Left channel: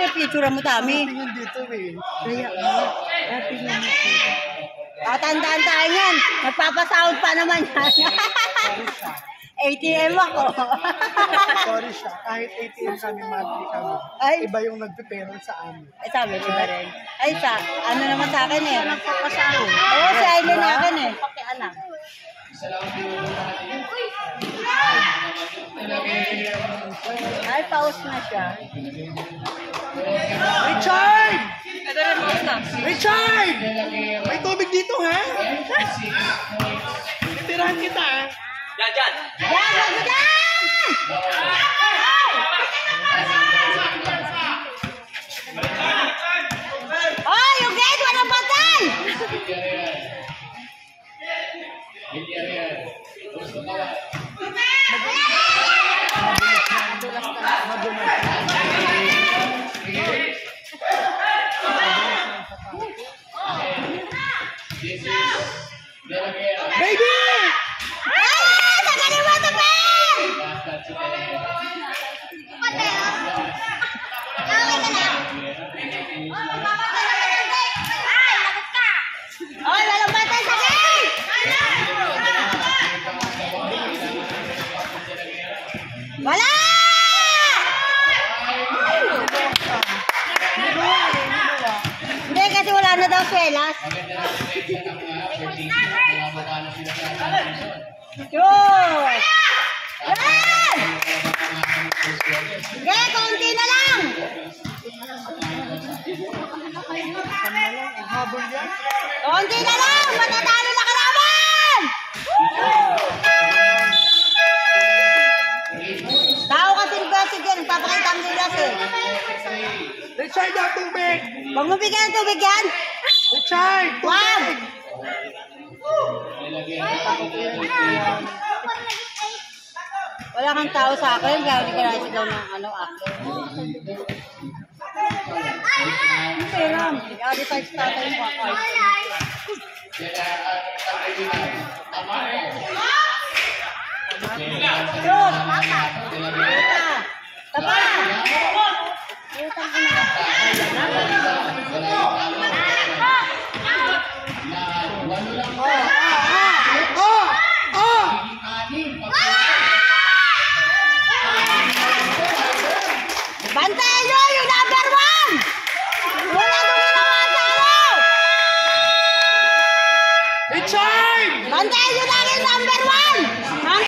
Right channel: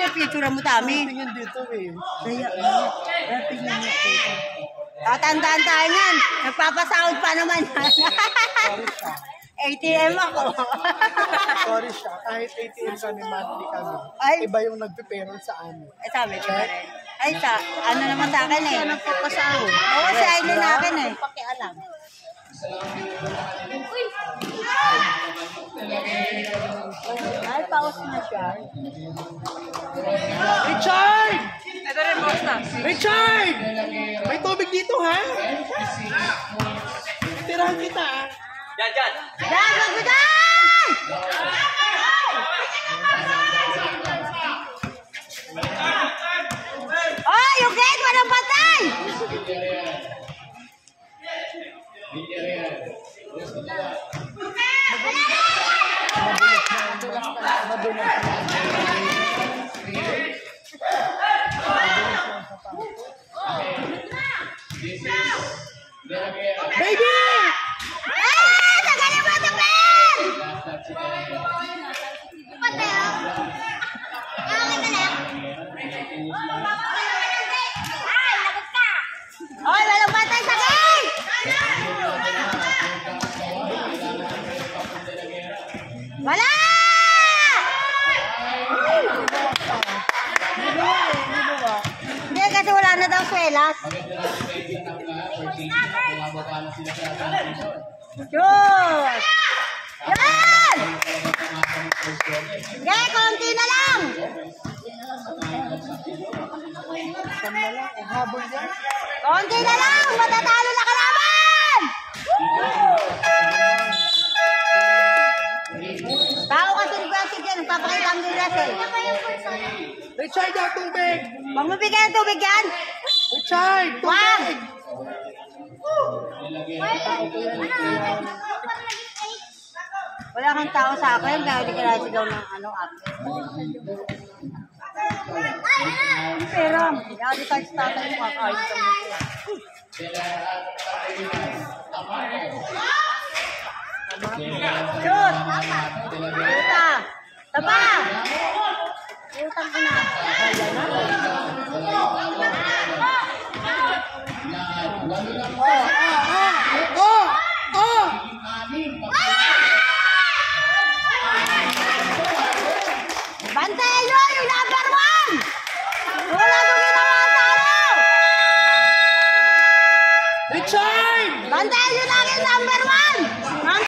pinipicture mo tami. Tingin dito eh. Kaya nga. Tingnan mo dito. Tatandaan tayo yan. Nagpapasound pa naman yan. ATM ako. Sorry siya. Kahit ATM kami, monthly kami. Ay. Iba yung nagpiperol sa amin. Sabi ko ba rin? Ay, ano naman sa akin eh. Nagpapasound. Oo, sa island natin eh. Pakialam. Ay, paus na siya. Richard! Ito rin mo ito. Richard! May tubig dito ha? Tirahan kita ha? Yan, wag mo dyan! Oh, yung gate, walang patay! Baby! Tagaling mo ito, Ben! Oy, walang patay sa gate! Wala! Hindi, kasi wala na daw swelas. Yun! Yan! Hindi, konti na lang! Konti na lang! Matatalo na kalaban! Tao kasi request dyan, nagpapakita ang dilas eh. Richard, ang tubig! Huwag mo bigyan ng tubig yan! Richard! Wag! Tubig! Wala kang tao sa akin, kaya hindi ka nasigaw ng akin. Pero, i-advertise tayo yung mga cards ko nito. Shoot! Puta! Tapa! Putang ina.